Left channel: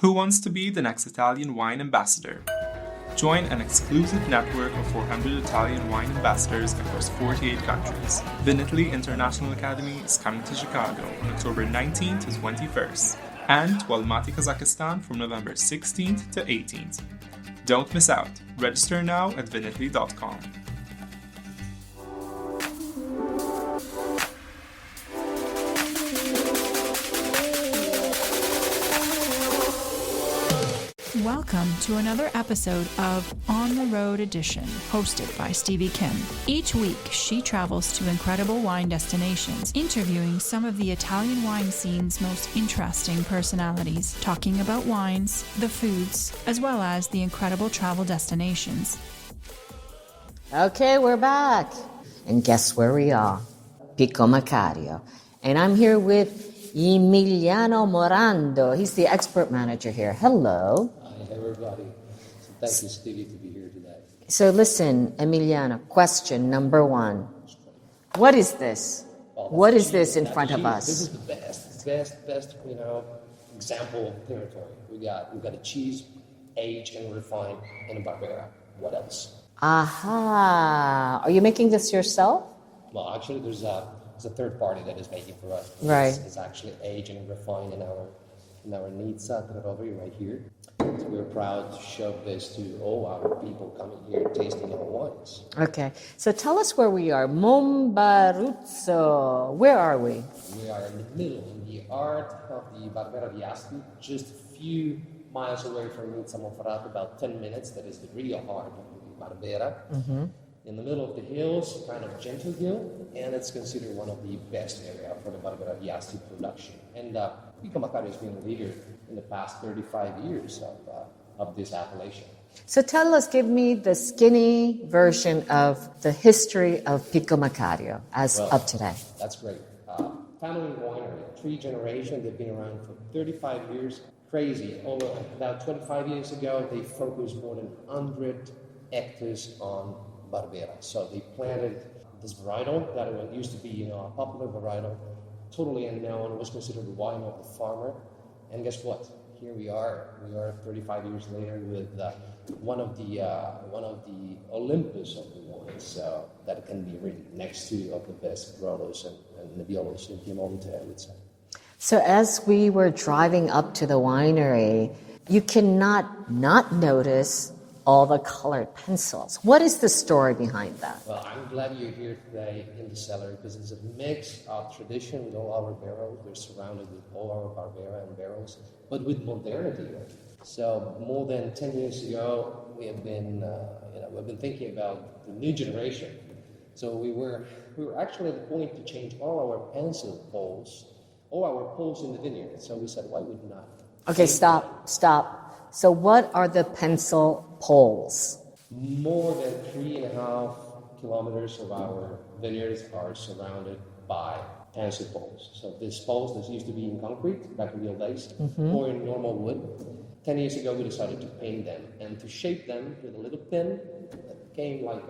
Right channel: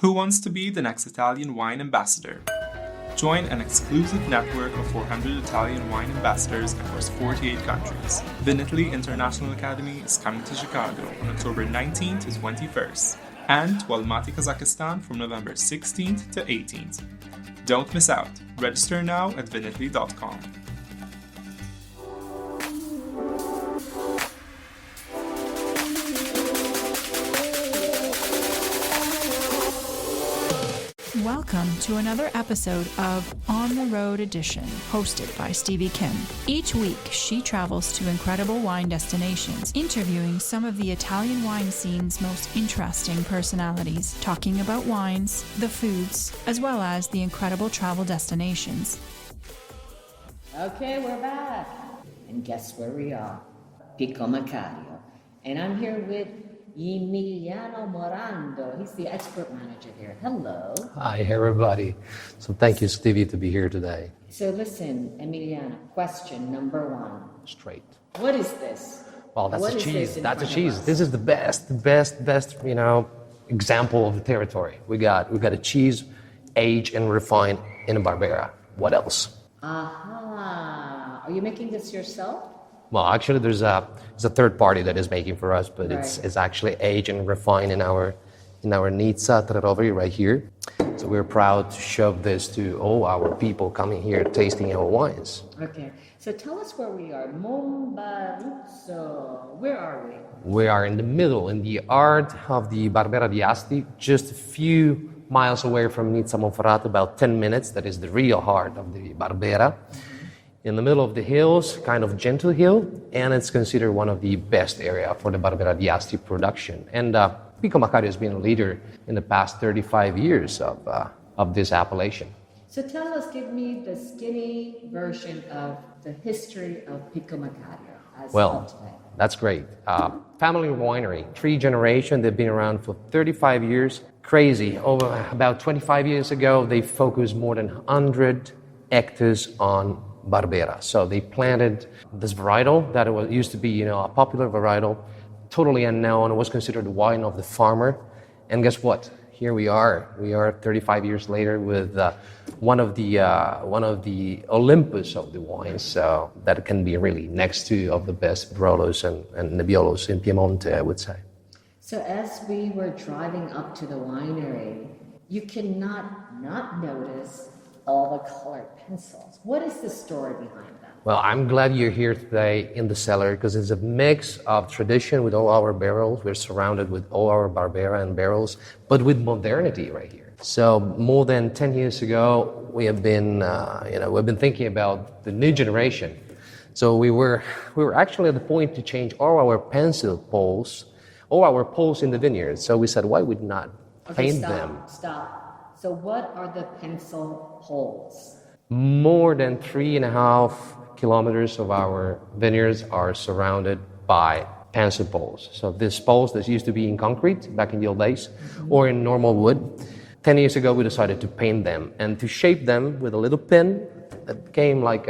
Who wants to be the next Italian wine ambassador? Join an exclusive network of 400 Italian wine ambassadors across 48 countries. Vinitaly International Academy is coming to Chicago on October 19th to 21st, and to Almaty, Kazakhstan from November 16th to 18th. Don't miss out. Register now at vinitaly.com. Welcome to another episode of On the Road Edition, hosted by Stevie Kim. Each week, she travels to incredible wine destinations, interviewing some of the Italian wine scene's most interesting personalities, talking about wines, the foods, as well as the incredible travel destinations. Okay, we're back. And guess where we are? Pico Maccario. And I'm here with Emiliano Morando. He's the expert manager here. Hello. Hi, everybody. So thank you, Stevie, to be here today. So listen, Emiliano, question number one. Straight. What is this? Well, that's what a is cheese. this in That's front a of cheese. us? This is the best, example of the territory. We got a cheese aged and refined in a Barbera. What else? Aha. Are you making this yourself? Well, actually, there's a third party that is making for us, but Right. it's actually aged and refined in our Nizza Trerovi right here. So we're proud to show this to all our people coming here tasting our wines. Okay. So tell us where we are. Mombaruzzo. Where are we? We are in the middle, in the heart of the Barbera di Asti, just a few miles away from Nizza Monferrato, about 10 minutes. That is the real heart of the Barbera. Mm-hmm. In the middle of the hills, kind of gentle hill, and it's considered one of the best area for the Barbera di Asti production. And Pico Maccario has been a leader in the past 35 years of this appellation. So give me the skinny version of the history of Pico Maccario as of today. That's great. Family winery, 3 generations. They've been around for 35 years. Crazy. About 25 years ago, they focused more than 100 hectares on Barbera. So they planted this varietal that used to be, a popular varietal, totally unknown. It was considered the wine of the farmer. And guess what? Here we are. We are 35 years later with one of the Olympus of the wines. So that can be really next to of the best Barolos and Nebbiolos in Piedmont, I would say. So as we were driving up to the winery, you cannot not notice all the colored pencils. What is the story behind that? Well, I'm glad you're here today in the cellar because it's a mix of tradition with all our barrels. We're surrounded with all our Barbera and barrels, but with modernity right here. So more than 10 years ago, we have been, we've been thinking about the new generation. So we were actually at the point to change all our pencil poles, all our poles in the vineyard. So we said, why would not paint them? Stop. So what are the pencil poles? More than 3.5 kilometers of our vineyards are surrounded by pencil poles. So these poles that used to be in concrete back in the old days, or in normal wood. 10 years ago, we decided to paint them and to shape them with a little pen that became like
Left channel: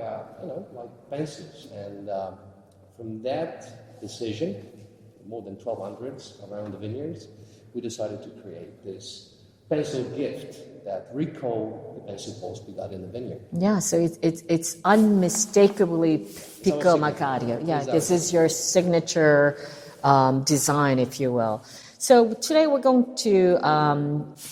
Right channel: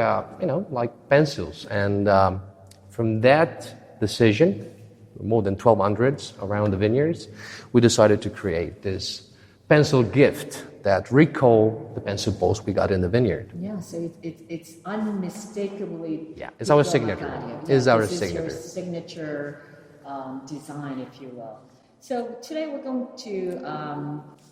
pencils. And from that decision, more than 1,200 around the vineyards, we decided to create this pencil gift that recall the pencil poles we got in the vineyard. Yeah, so it's unmistakably it's our Pico signature. Maccario. Yeah, this is your signature design, if you will. So today we're going to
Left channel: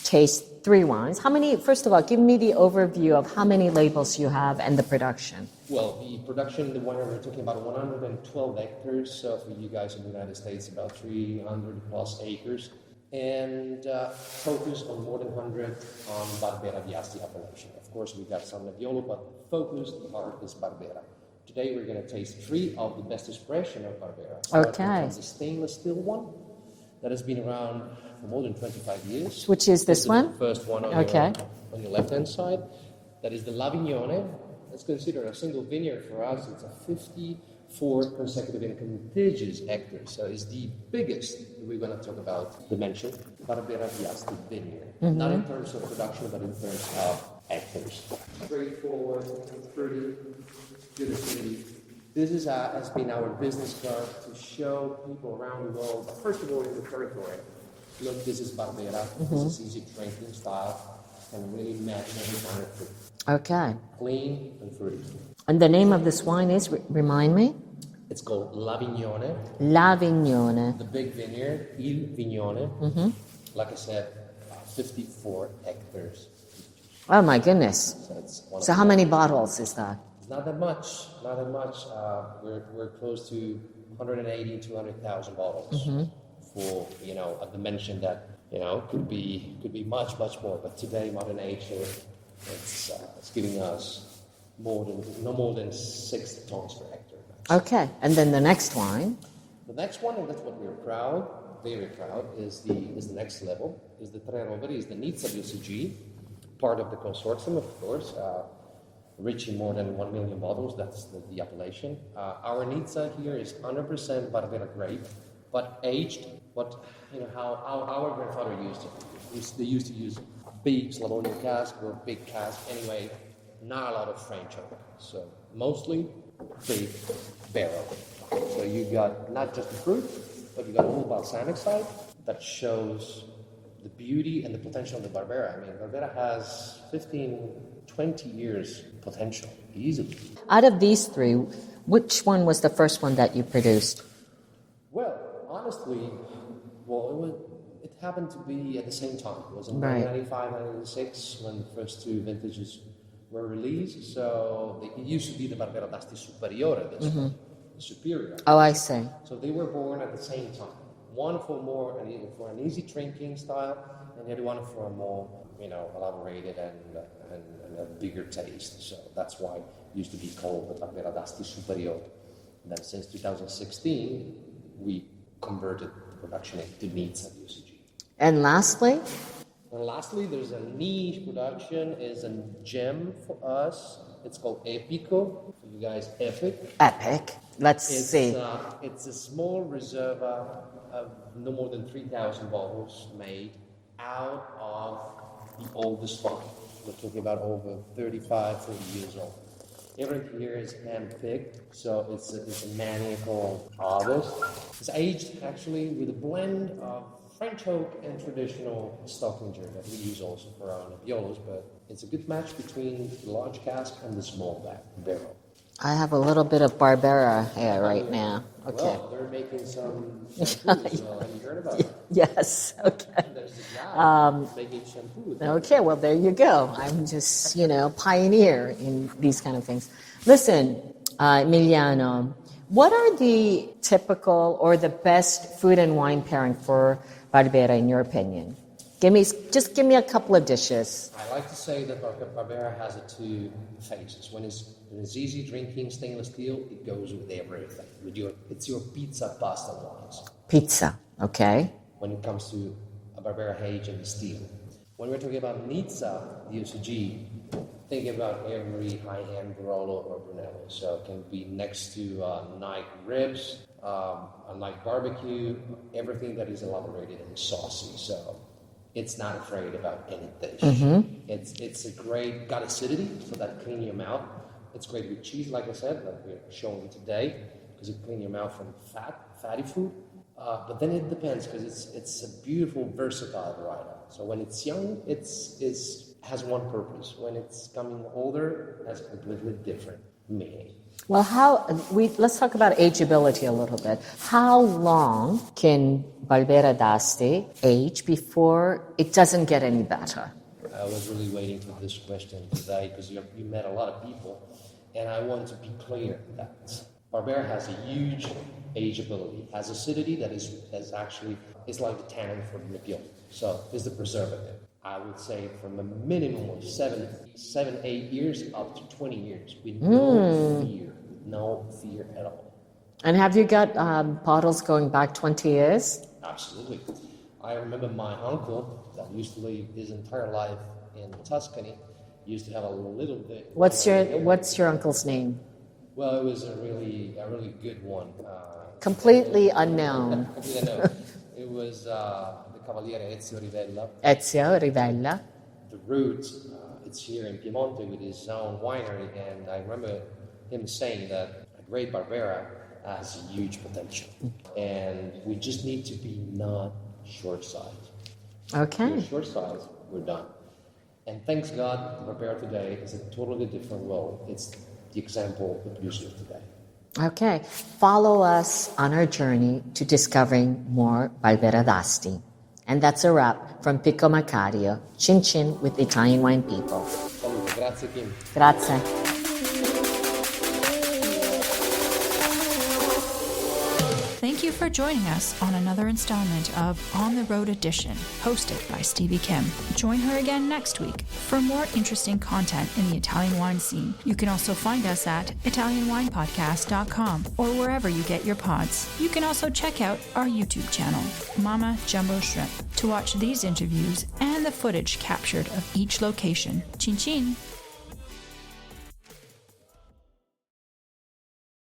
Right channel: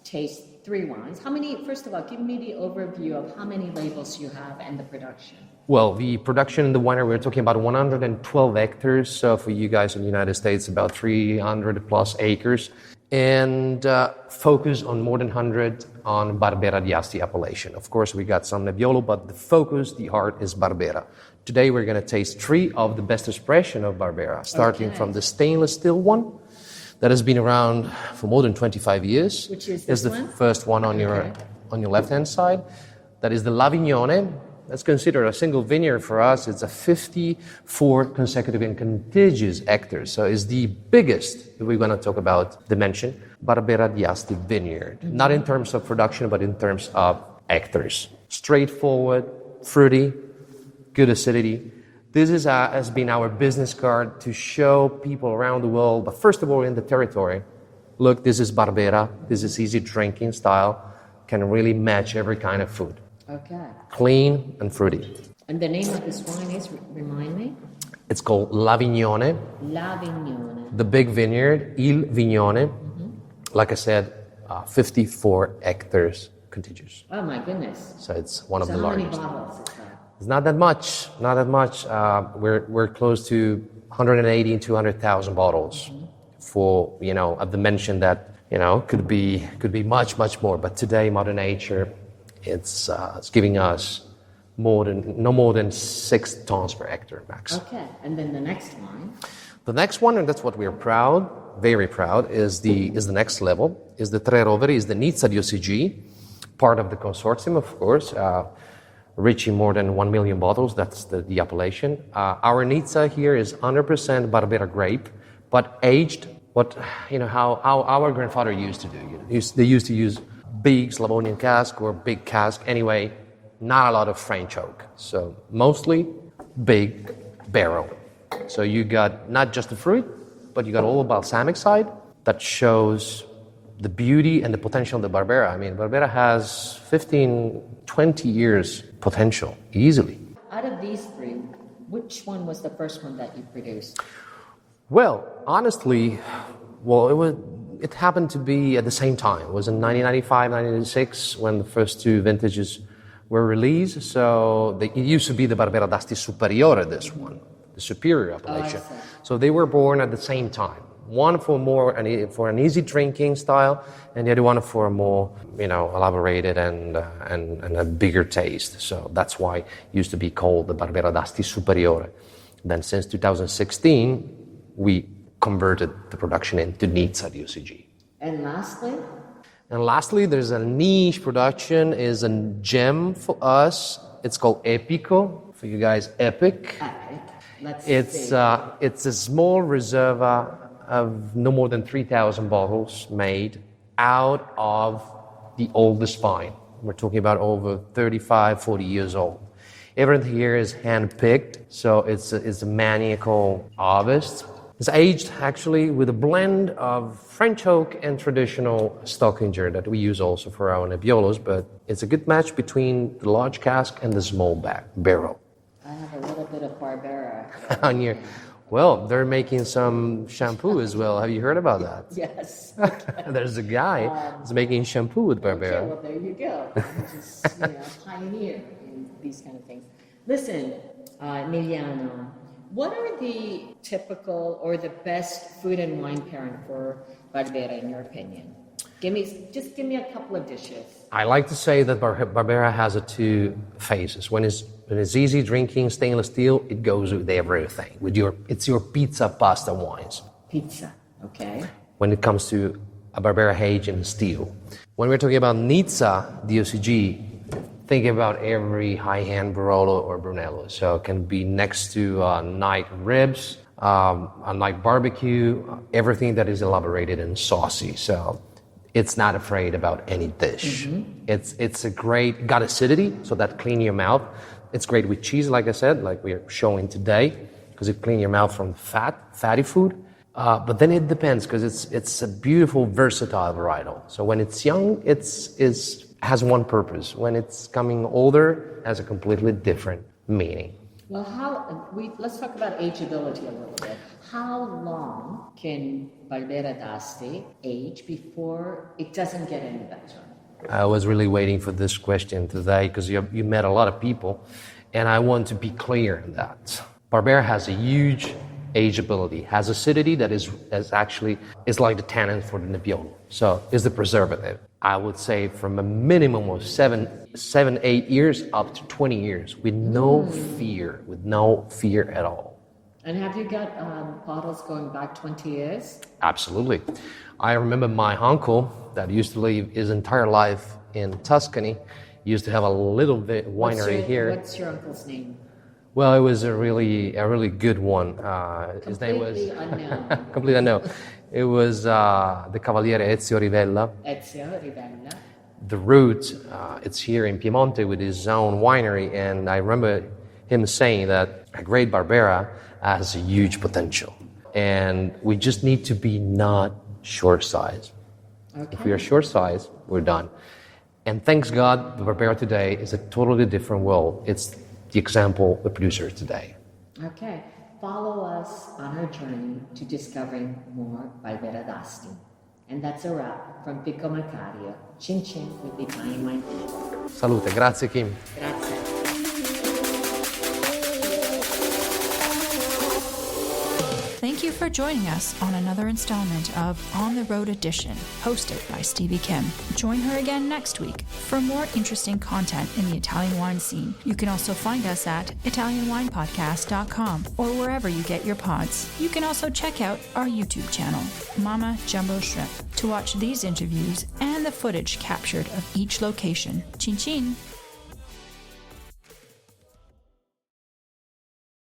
taste 3 wines. First of all, give me the overview of how many labels you have and the production. Well, the production in the winery, we're talking about 112 hectares. So for you guys in the United States, about 300 plus acres. And focus on more than 100 on Barbera di Asti appellation. Of course, we got some Nebbiolo, but the focus, the heart is Barbera. Today, we're going to taste 3 of the best expression of Barbera, starting from the stainless steel one that has been around for more than 25 years. Which is this one? The first one on your left-hand side. That is the Lavignone. That's considered a single vineyard for us. It's a 54 consecutive and contiguous hectares. So it's the biggest that we're going to talk about dimension, Barbera di Asti vineyard. Not in terms of production, but in terms of hectares. Straightforward, fruity, good acidity. This has been our business card to show people around the world, but first of all in the territory, look, this is Barbera. This is easy drinking style. Can really match every kind of food. Okay. Clean and fruity. And the name of this wine is, remind me? It's called L'Avignone. L'Avignone. The big vineyard, Il Vignone. Like I said, 54 hectares contiguous. Oh my goodness. So it's one of So the how many largest. bottles is that? It's not that much. Not that much. We're close to 180 and 200,000 bottles for a dimension that could be much more. But today, Mother Nature, it's giving us no more than 6 tons per hectare max. Okay. And then the next wine. The next one, and that's what we are very proud, is the next level, is the Tre Roveri, is the Nizza DOCG, part of the consortium, of course, reaching more than 1 million bottles. That's the appellation. Our Nizza here is 100% Barbera grape, but aged how our grandfather used to do. They used to use big Slavonian cask or big cask. Anyway, not a lot of French oak. So mostly big barrel. So you got not just the fruit, but you got all the balsamic side that shows the beauty and the potential of the Barbera. I mean, Barbera has 15, 20 years potential, easily. Out of these 3, which one was the first one that you produced? Well, honestly, it happened to be at the same time. It was in 1995, 1996 when the first 2 vintages were released. So it used to be the Barbera d'Asti Superiore, this one, the superior appellation. Oh, I see. So they were born at the same time. One for an easy drinking style, and the other one for a more elaborated and a bigger taste. So that's why it used to be called the Barbera d'Asti Superiore. Then since 2016, we converted the production into Nizza DOCG. And lastly? And lastly, there's a niche production, is a gem for us. It's called Epico, for you guys, Epic. Epic. Let's see. It's a small reserva of no more than 3,000 bottles made out of the oldest vine. We're talking about over 35, 40 years old. Everything here is hand-picked, so it's a maniacal harvest. It's aged actually with a blend of French oak and traditional Stockinger that we use also for our Nebbiolos, but it's a good match between the large cask and the small barrel. I have a little bit of Barbera here right now. Okay. Well, they're making some shampoo as well. Have you heard about that? Yes. Okay. There's a guy who's making shampoo with Barbera. Okay, well, there you go. I'm just, pioneer in these kind of things. Listen, Emiliano, what are the typical or the best food and wine pairing for Barbera, in your opinion? Give me a couple of dishes. I like to say that Barbera has 2 phases. When it's easy drinking stainless steel, it goes with everything. It's your pizza, pasta, wines. Pizza, okay. When it comes to a Barbera aged in steel. When we're talking about Nizza DOCG, think about every high-end Barolo or Brunello. So it can be next to night ribs, a night barbecue, everything that is elaborated and saucy. So it's not afraid about any dish. It's a great, got acidity, so that clean your mouth. It's great with cheese, like I said, like we're showing today, because it cleans your mouth from fatty food. But then it depends, because it's a beautiful, versatile varietal. So when it's young, it has one purpose. When it's coming older, it has a completely different meaning. Well, let's talk about ageability a little bit. How long can Barbera d'Asti age before it doesn't get any better? I was really waiting for this question today because you met a lot of people, and I want to be clear in that. Barbera has a huge ageability, has acidity that is like the tannin for the Nebbiolo. So it's the preservative. I would say from a minimum of 7, 8 years up to 20 years with no fear at all. And have you got bottles going back 20 years? Absolutely. I remember my uncle that used to live his entire life in Tuscany used to have a little bit winery here. What's your uncle's name? Well, it was a really good one. Completely unknown. Completely unknown. It was the Cavaliere Ezio Rivella. Ezio Rivella. The root, it's here in Piedmont with his own winery, and I remember him saying that a great Barbera has a huge potential, and we just need to be not short size. Okay. If you're short size, we're done. And thanks God, the Barbera today is a totally different world. It's the example the producer is today. Okay. Follow us on our journey to discovering more Barbera d'Asti. And that's a wrap from Pico Maccario, Chin Chin with Italian wine people. Salute. Grazie, Kim. Grazie. Thank you for joining us on another installment of On the Road Edition, hosted by Stevie Kim. Join her again next week for more interesting content in the Italian wine scene. You can also find us at ItalianWinePodcast.com or wherever you get your pods. You can also check out our YouTube channel, Mama Jumbo Shrimp, to watch these interviews and the footage captured of each location. Chin chin!